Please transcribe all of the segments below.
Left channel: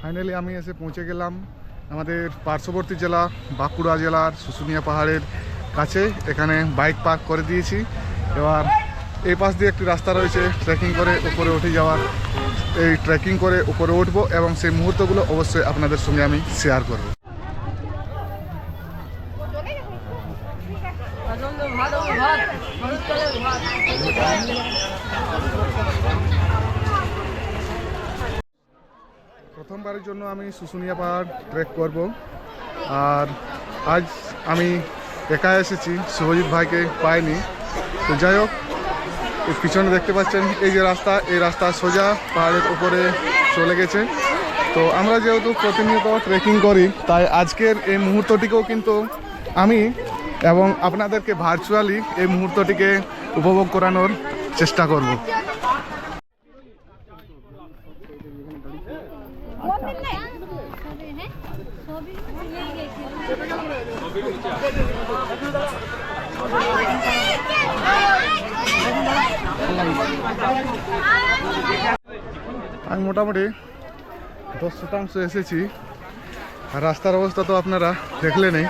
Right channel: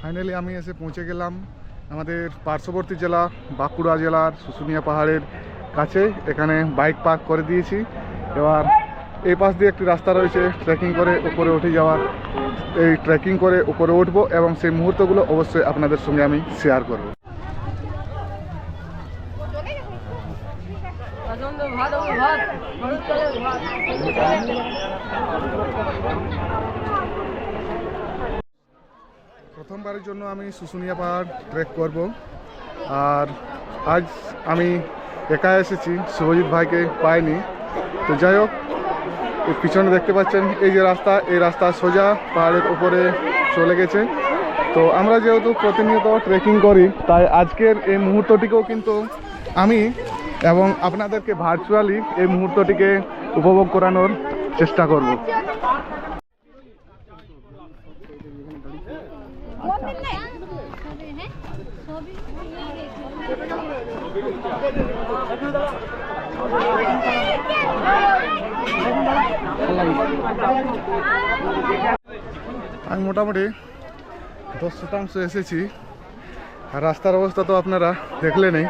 Finally আমি এসে পৌঁছে গেলাম আমাদের পার্শ্ববর্তী জেলা, বাঁকুড়া জেলার, শুশুনিয়া পাহাড়ের কাছে। এখানে বাইক পার্ক করে দিয়েছি। এবার এই পাশ দিয়ে একটি রাস্তা রয়েছে ট্রেকিং করে উপরে উঠে যাওয়ার। এই ট্রেকিং করে উপরে উঠবো এবং সেই মুহূর্তগুলো অবশ্যই আপনাদের সঙ্গে আমি শেয়ার করব হবে ভাত শীতকালে ভাত প্রথমবারের জন্য আমি শুশুনিয়া পাহাড় ট্রেক করব। আর আজ আমি একা এসেছি, শুভজিৎ ভাইকে পাইনি। তো যাই হোক পিছনে দেখতে পাচ্ছেন, এই যে রাস্তা, এই রাস্তা সোজা পাহাড়ের উপরে চলে গেছে। তো আমরা যেহেতু প্রতিনিয়ত ট্রেকিং করি, তাই আজকের এই মুহূর্তটিকেও কিন্তু আমি এবং আপনাদেরকে ভার্চুয়ালি এই মুহূর্তটিকে উপভোগ করানোর চেষ্টা করব সবই হ্যাঁ সবই নিয়ে গেছি আমি মোটামুটি দশ শতাংশ এসেছি। রাস্তার অবস্থা তো আপনারা দেখলেনই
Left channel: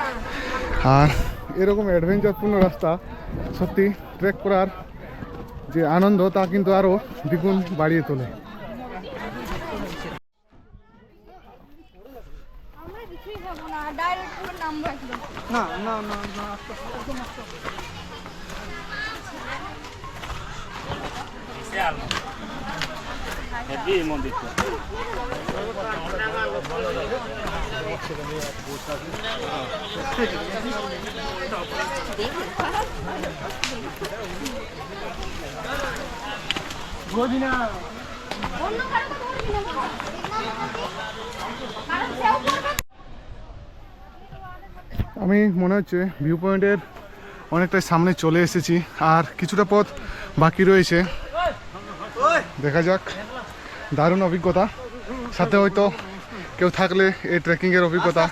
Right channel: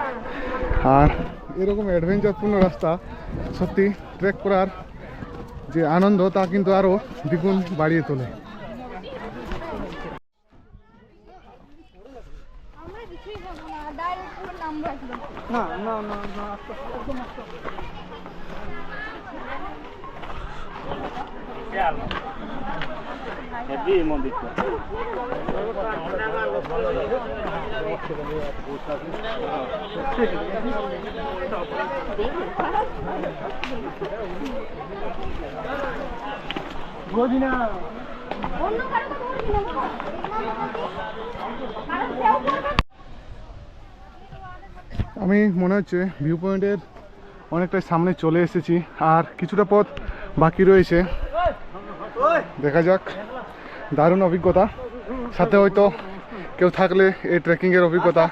আর এরকম অ্যাডভেঞ্চারপূর্ণ রাস্তা, সত্যি ট্রেক করার যে আনন্দ তা কিন্তু আরও দ্বিগুণ বাড়িয়ে তোলে আমরা কিছুই যাব না ডাইরেক্ট পুরো নামবো একদম না না না না একদম আস্তে। অন্য কারও কথা বলছি না। কারণ সেও করবে আমি মনে হচ্ছে ভিউ পয়েন্টের অনেকটাই সামনে চলে এসেছি আর কিছুটা পথ বাকি রয়েছে। দেখা যাক। দারুণ অভিজ্ঞতা। সাথে হয়তো কেউ থাকলে এই ট্রেকিংয়ের অভিজ্ঞতা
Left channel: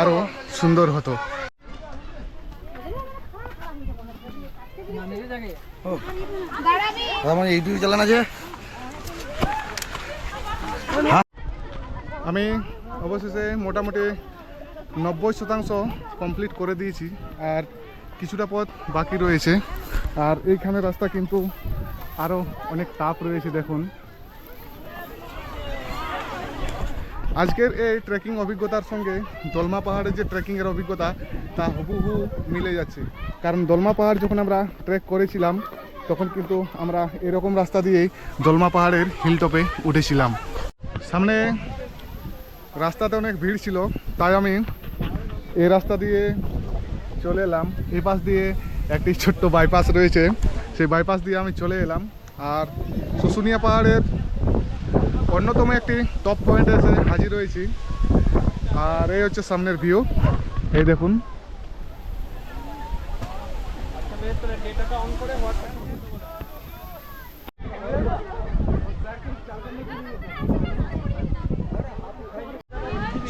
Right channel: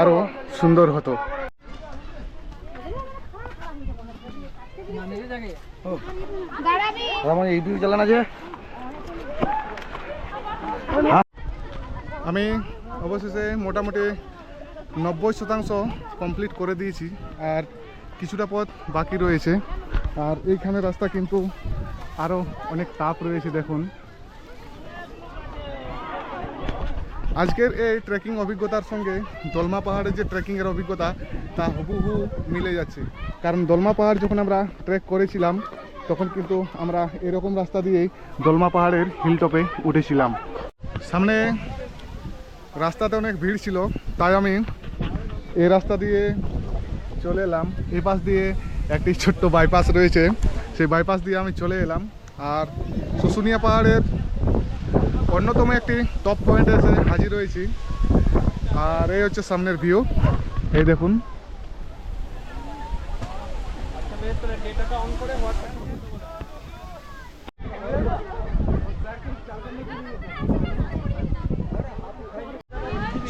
আরও সুন্দর হতো। চালান আমি অবশেষে মোটামুটি নব্বই শতাংশ কমপ্লিট করে দিয়েছি আর কিছুটা পথ বাকি রয়েছে। আর এইখানে রাস্তা কিন্তু আরও অনেক তাপ রয়েছে দেখুন। আজকের এই ট্রেকিং অভিজ্ঞতার সঙ্গে দলমা পাহাড়ের যে ট্রেকিংয়ের অভিজ্ঞতা, তা হুবহু মিলে যাচ্ছে। কারণ দলমা পাহাড় যখন আমরা ট্রেক করেছিলাম, তখন কিন্তু আমরা এরকম রাস্তা দিয়েই দলমা পাহাড়ের হিলটপে উঠেছিলাম। সামনে রাস্তাতে অনেক ভিড় ছিল, তাই আমি এই রাস্তা দিয়ে চলে এলাম। এই পাশ দিয়ে একটি ছোট্ট বাইপাস রয়েছে। সেই বাইপাস দিয়ে আমি চলে এলাম। আর শুশুনিয়া পাহাড়ের অন্যতম একটি টপ পয়েন্টে এসে হাজির হয়েছি। আর এই হচ্ছে সামনের ভিউ এই দেখুন।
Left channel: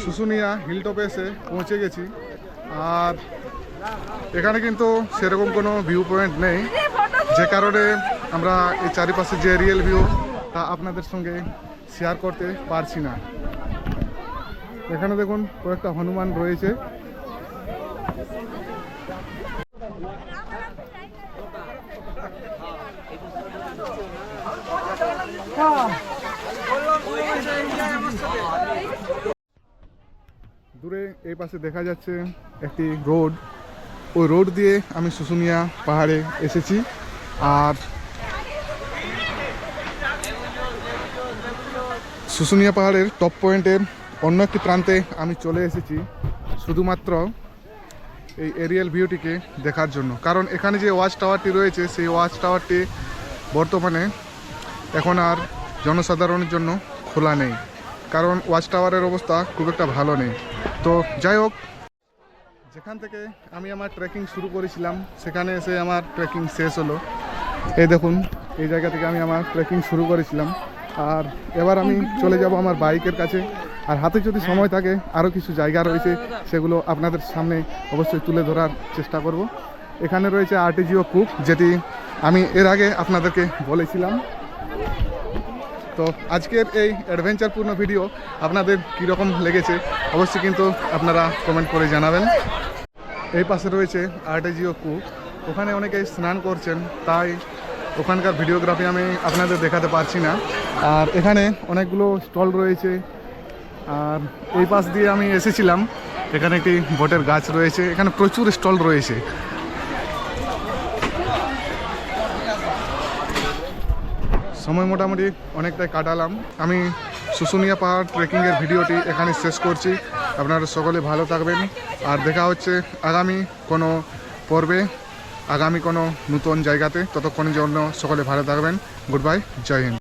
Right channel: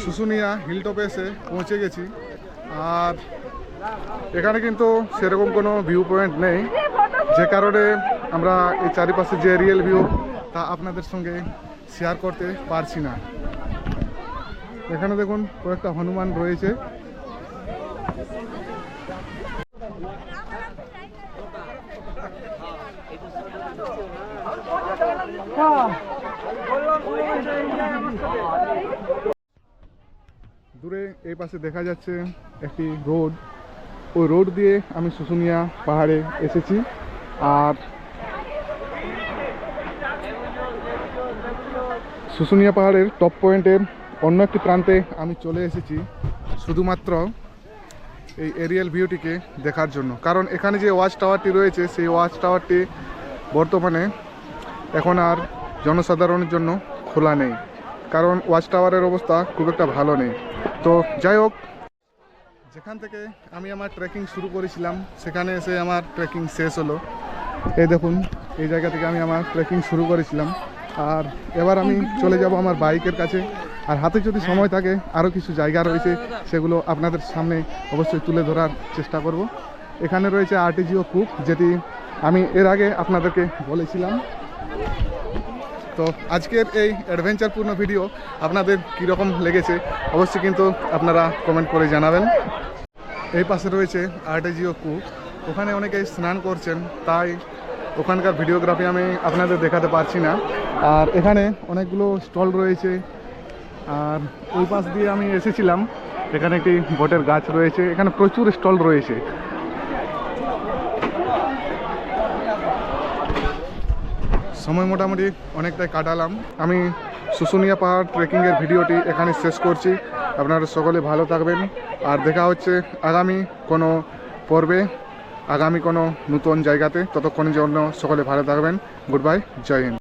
শুশুনিয়া হিলটপে এসে পৌঁছে গেছি। আর এখানে কিন্তু সেরকম কোনো ভিউ পয়েন্ট নেই। যে কারণে আমরা এই চারিপাশে যে রিয়েল ভিউ তা আপনাদের সঙ্গে শেয়ার করতে পারছি না। এখানে দেখুন কয়েকটা হনুমান রয়েছে। দূরে এই পাশে দেখা যাচ্ছে একটি রোড। ওই রোড দিয়ে আমি শুশুনিয়া পাহাড়ে এসেছি। আর শুশুনিয়া পাহাড়ের টপ পয়েন্টের অন্য একটি প্রান্তে আমি চলে এসেছি শুধুমাত্র এই এরিয়াল ভিউটিকে দেখার জন্য। কারণ এখানে যে ওয়াচ টাওয়ারটি রয়েছে, সেই ওয়াচ টাওয়ারটি বর্তমানে এখন আর জনসাধারণের জন্য খোলা নেই। কারণ ওয়াচ টাওয়ারের অবস্থা খুব একটা ভালো নেই। তো যাই হোক, যেখান থেকে আমি আমার ট্রেকিং শুরু করেছিলাম, সেখানে এসে আমার ট্রেকিং শেষ হলো। এই দেখুন, এই জায়গা থেকে আমি আমার ট্রেকিং শুরু করেছিলাম। আর এবার আমি চলে যাব আমার বাইকের কাছে। আর হাতে যদি সময় থাকে আরও কিছু জায়গা রয়েছে, সেগুলো আপনাদের সামনে অবশ্যই তুলে ধরার চেষ্টা করব। এখানে রয়েছে আর্টিজিও কুক যেটি আমি এর আগে আপনাদেরকে বলেছিলাম। তো আজকের এই অ্যাডভেঞ্চারপূর্ণ ভিডিও আপনাদের কীরকম লেগেছে, অবশ্যই কিন্তু আপনারা কমেন্ট করে জানাবেন। এই পাশে রয়েছে আর্টেজিও কূপ ওখানে অনেকে স্নান করছেন, তাই ওখানকার ভিডিওগ্রাফি আমি আপনাদের দেখাতে পারছি না। আর এখানে অনেকগুলো স্টল রয়েছে। আর ওই পাশ দিয়ে আমি এসেছিলাম। এখানে একটি বটের গাছ রয়েছে। এখানে প্রচুর স্টল রয়েছে। সময় মোটামুটি অনেকটাই কাটালাম। আমি শুশুনিয়া পাহাড় ট্রেকিংয়ের ভিডিওটি এখানে শেষ করছি। আপনারা সকলে ভালো থাকবেন। আর দেখা হচ্ছে আগামী কোনো পর্বে, আগামী কোনো নতুন জায়গাতে। ততক্ষণের জন্য সকলে ভালো থাকবেন। গুড বাই জয় হিন্দ